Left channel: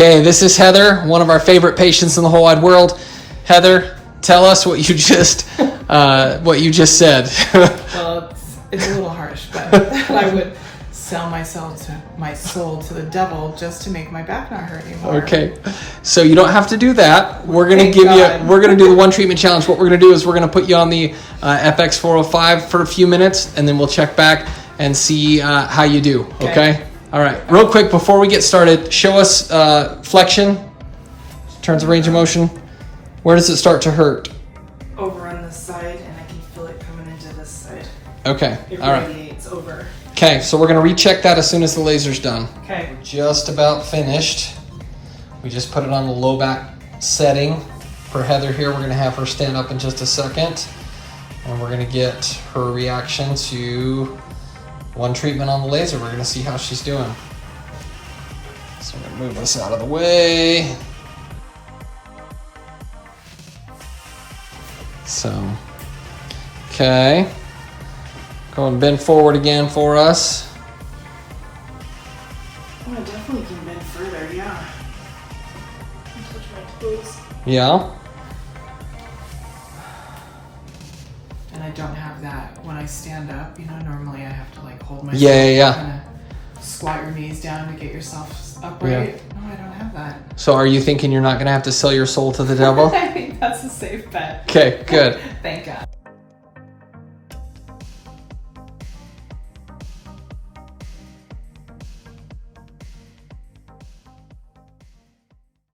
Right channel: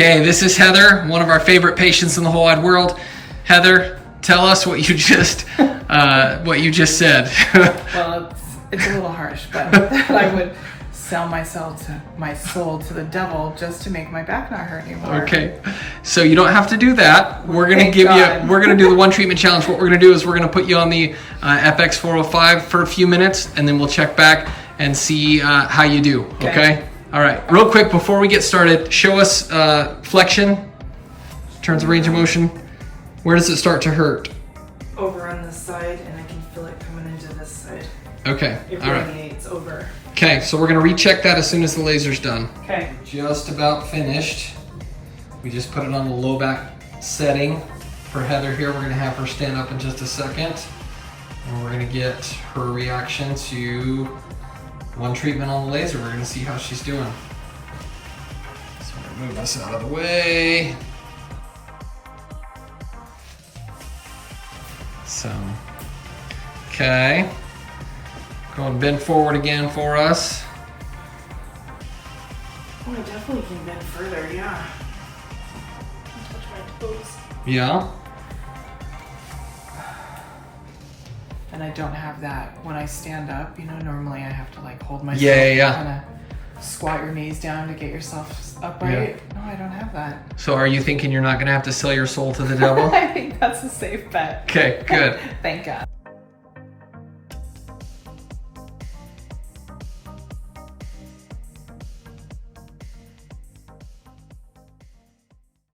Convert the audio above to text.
Okay, this is Heather, one of our favorite patients in the whole wide world. Heather, tell us what you just said. Well, it's a little harsh, but that I would sell my soul to the devil just to make my back not hurt anymore. Okay, so you don't have to do that. We're gonna Thank give God. you. We're gonna do the one treatment challenge. What we're gonna do is we're gonna put you on the FX405 for a few minutes, and then we'll check back and see how you do. Okay. All right. Real quick before we get started, show us flexion. Turns the range of motion. Where does it start to hurt? Over on this side, and I can feel it coming into this side. Okay. It All right. radiates over. Okay, so we're gonna recheck that as soon as the laser's done. Okay. Just about finished. We just put it on the low back setting. For Heather here, we're gonna have her stand up in just a second. And we're gonna get her reaction to one treatment on the laser. We're gonna see how she's doing. So we're gonna move this out of the way. So, okay. Go and bend forward again for us. Oh, I definitely can bend further, yeah. Touch my toes. Yeah. And I don't have that when I stand up. You know, normally I have to like hold myself. Yeah. Kind of squat your knees down to get yourself upright. No, I don't have that. So are you thinking you're not gonna have to sell your soul to the devil? I think that's a safe bet. Okay, good. Thank God.